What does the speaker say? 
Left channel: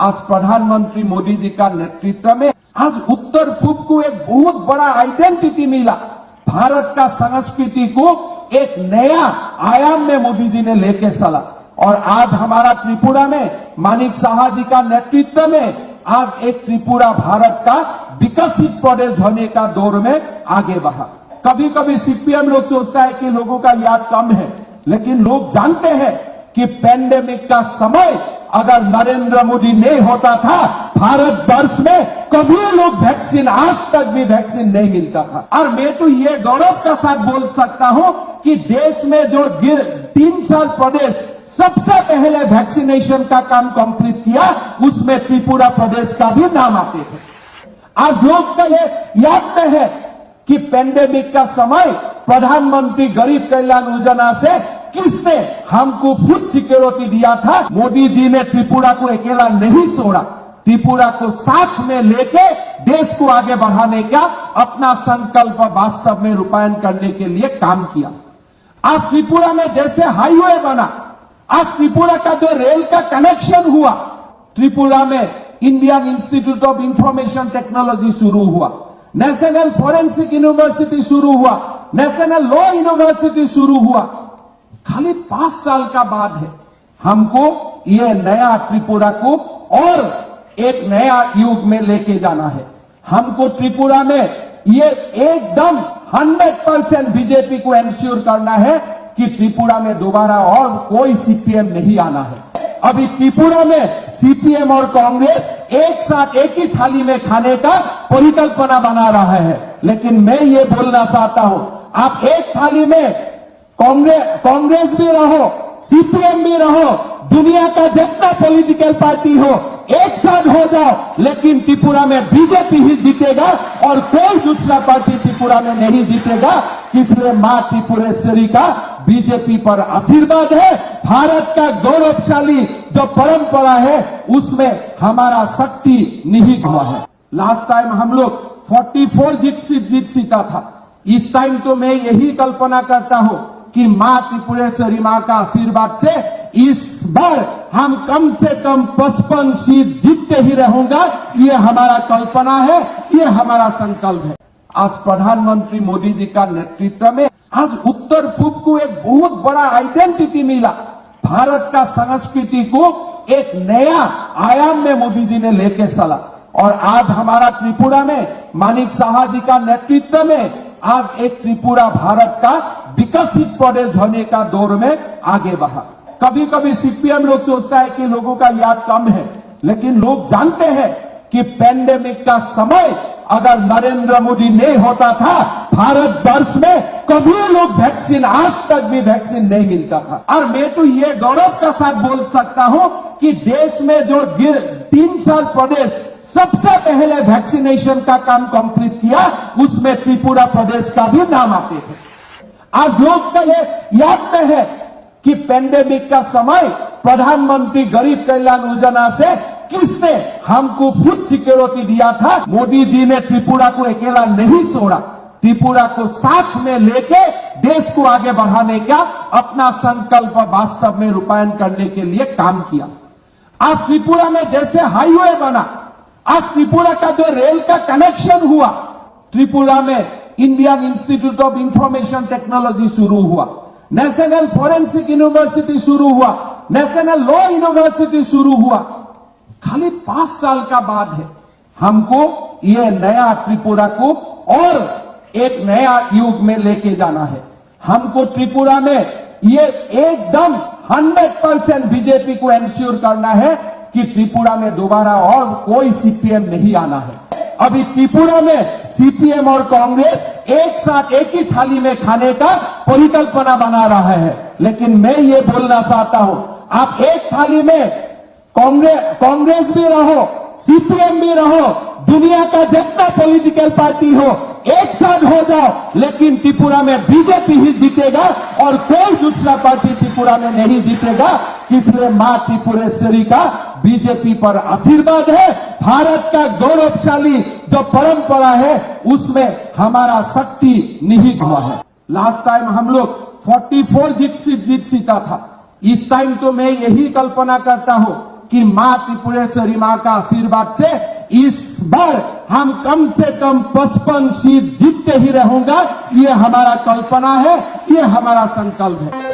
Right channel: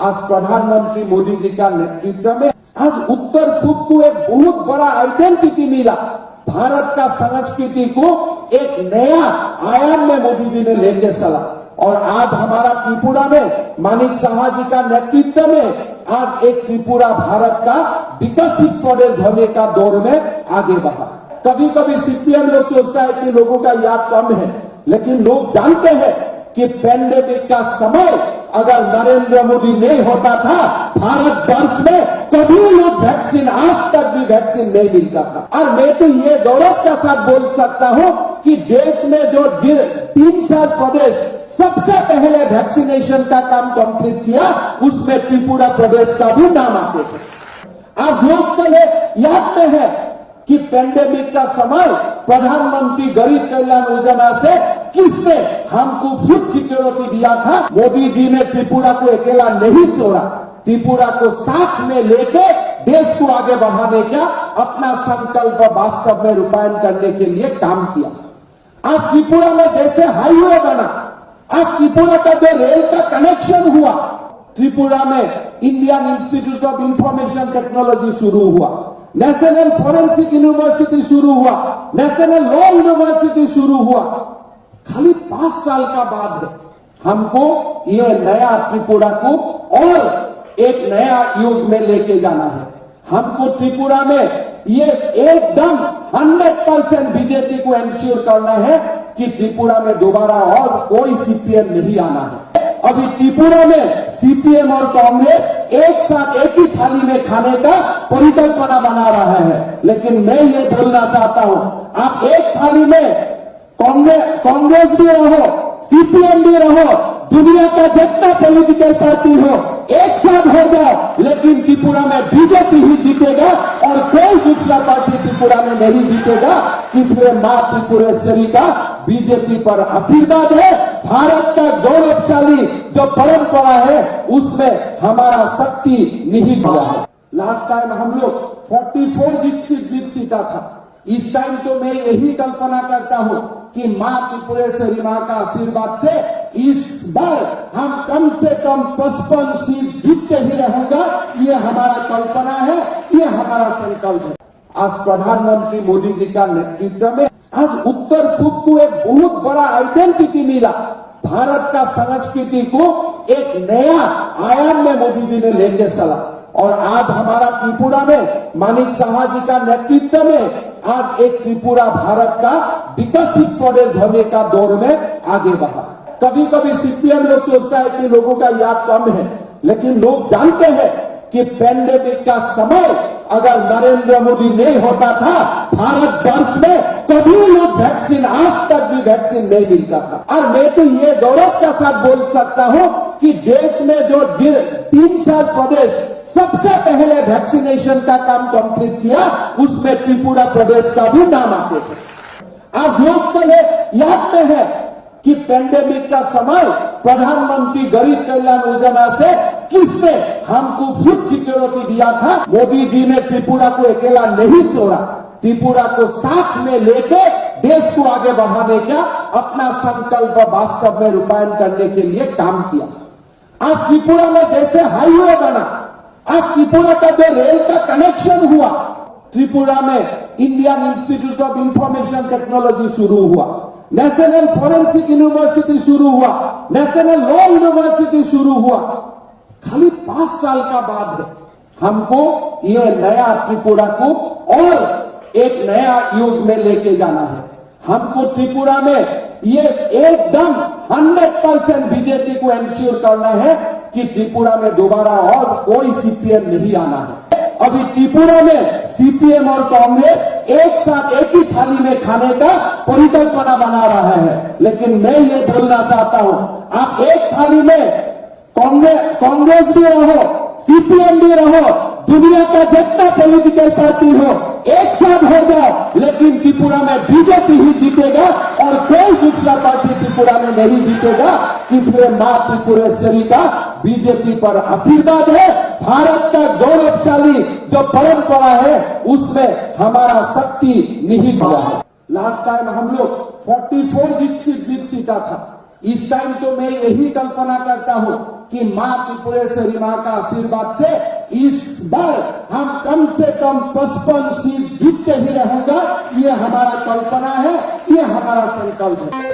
आज प्रधानमंत्री मोदी जी का नेतृत्व में आज उत्तर पूर्व को एक बहुत बड़ा आइडेंटिटी मिला। भारत का संस्कृति को एक नया आयाम में मोदी जी ने लेके चला और आज हमारा त्रिपुरा में मानिक साहा जी का नेतृत्व में आज एक त्रिपुरा भारत का विकसित प्रदेश होने का दौर में आगे बढ़ा। कभी कभी सीपीएम लोग सोचता है कि लोगों का याद कम है, लेकिन लोग जानते हैं कि पैंडेमिक का समय अगर नरेंद्र मोदी नहीं होता था, भारत वर्ष में कभी लोग वैक्सीन, आज तक भी वैक्सीन नहीं मिलता था। और मैं तो ये गौरव के साथ बोल सकता हूं कि देश में जो 3 प्रदेश सबसे पहले वैक्सीनेशन का काम कंप्लीट किया, उसमें त्रिपुरा प्रदेश का भी नाम आते थे। आज लोग को ये याद में है कि पैंडेमिक का समय प्रधानमंत्री गरीब कल्याण योजना से किसने हमको फूड सिक्योरिटी दिया था। मोदी जी ने त्रिपुरा को अकेला नहीं छोड़ा, त्रिपुरा को साथ में लेके देश को आगे बढ़ाने का अपना संकल्प वास्तव में रूपायन करने के लिए काम किया। आज त्रिपुरा में जैसे हाईवे बना, आज त्रिपुरा का जो रेल का कनेक्शन हुआ, त्रिपुरा में Indian institute of information technology शुरू हुआ, नेशनल फॉरेंसिक यूनिवर्सिटी शुरू हुआ, नेशनल लॉ यूनिवर्सिटी शुरू हुआ। खाली 5 साल का बाद है हमको ये नया त्रिपुरा को और एक नया युग में लेके जाना है। हमको त्रिपुरा में ये एकदम 100% बीजेपी को एंश्योर करना है कि त्रिपुरा में दोबारा और कोई सीपीएम नहीं आना है। अभी त्रिपुरा में सीपीएम और कांग्रेस एक साथ एक ही थाली में खाने का परिकल्पना बना रहा है, लेकिन मैं ये बोलना चाहता हूं, आप एक थाली में कांग्रेस भी रहो, सीपीएम भी रहो, दुनिया का जितना पॉलिटिकल पार्टी हो, एक साथ हो जाओ, लेकिन त्रिपुरा में बीजेपी ही जीतेगा और कोई दूसरा पार्टी त्रिपुरा में नहीं जीतेगा। इसलिए मां त्रिपुरेश्वरी का बीजेपी पर आशीर्वाद है। भारत का गौरवशाली जो परंपरा है, उसमें हमारा शक्ति निहित हुआ है। लास्ट टाइम हम लोग 44 जीत सीता था। इस टाइम तो मैं यही कल्पना करता हूं कि मां त्रिपुरेश्वरी मां का आशीर्वाद से इस बार हम कम से कम 55 सीट जीतते ही रहूंगा। ये हमारा कल्पना है, ये हमारा संकल्प है। आज प्रधानमंत्री मोदी जी का नेतृत्व में आज उत्तर पूर्व को एक बहुत बड़ा आइडेंटिटी मिला। भारत का संस्कृति को एक नया आयाम में मोदी जी ने लेके चला और आज हमारा त्रिपुरा में मानिक साहा जी का नेतृत्व में आज एक त्रिपुरा भारत का विकसित प्रदेश होने का दौर में आगे बढ़ा। कभी कभी सीपीएम लोग सोचता है कि लोगों का याद कम है, लेकिन लोग जानते हैं कि पैंडेमिक का समय अगर नरेंद्र मोदी नहीं होता था, भारत वर्ष में कभी लोग वैक्सीन, आज तक भी वैक्सीन नहीं मिलता था। और मैं तो ये गौरव के साथ बोल सकता हूं कि देश में जो 3 प्रदेश सबसे पहले वैक्सीनेशन का काम कंप्लीट किया, उसमें त्रिपुरा प्रदेश का भी नाम आते थे। आज लोग को ये याद में है कि पैंडेमिक का समय प्रधानमंत्री गरीब कल्याण योजना से किसने हमको फूड सिक्योरिटी दिया था। मोदी जी ने त्रिपुरा को अकेला नहीं छोड़ा, त्रिपुरा को साथ में लेके देश को आगे बढ़ाने का अपना संकल्प वास्तव में रूपायन करने के लिए काम किया। आज त्रिपुरा में जैसे हाईवे बना, आज त्रिपुरा का जो रेल का कनेक्शन हुआ, त्रिपुरा में Indian institute of information technology शुरू हुआ, नेशनल फॉरेंसिक यूनिवर्सिटी शुरू हुआ, नेशनल लॉ यूनिवर्सिटी शुरू हुआ। खाली 5 साल का बाद है हमको ये नया त्रिपुरा को और एक नया युग में लेके जाना है। हमको त्रिपुरा में ये एकदम 100% बीजेपी को एंश्योर करना है कि त्रिपुरा में दोबारा और कोई सीपीएम नहीं आना है। अभी त्रिपुरा में सीपीएम और कांग्रेस एक साथ एक ही थाली में खाने का परिकल्पना बना रहा है, लेकिन मैं ये बोलना चाहता हूं, आप एक थाली में कांग्रेस भी रहो, सीपीएम भी रहो, दुनिया का जितना पॉलिटिकल पार्टी हो, एक साथ हो जाओ, लेकिन त्रिपुरा में बीजेपी ही जीतेगा और कोई दूसरा पार्टी त्रिपुरा में नहीं जीतेगा। इसलिए मां त्रिपुरेश्वरी का बीजेपी पर आशीर्वाद है। भारत का गौरवशाली जो परंपरा है, उसमें हमारा शक्ति निहित हुआ है। लास्ट टाइम हम लोग 44 जीत सीता था। इस टाइम तो मैं यही कल्पना करता हूं कि मां त्रिपुरेश्वरी मां का आशीर्वाद से इस बार हम कम से कम 55 सीट जीतते ही रहूंगा। ये हमारा कल्पना है, ये हमारा संकल्प है।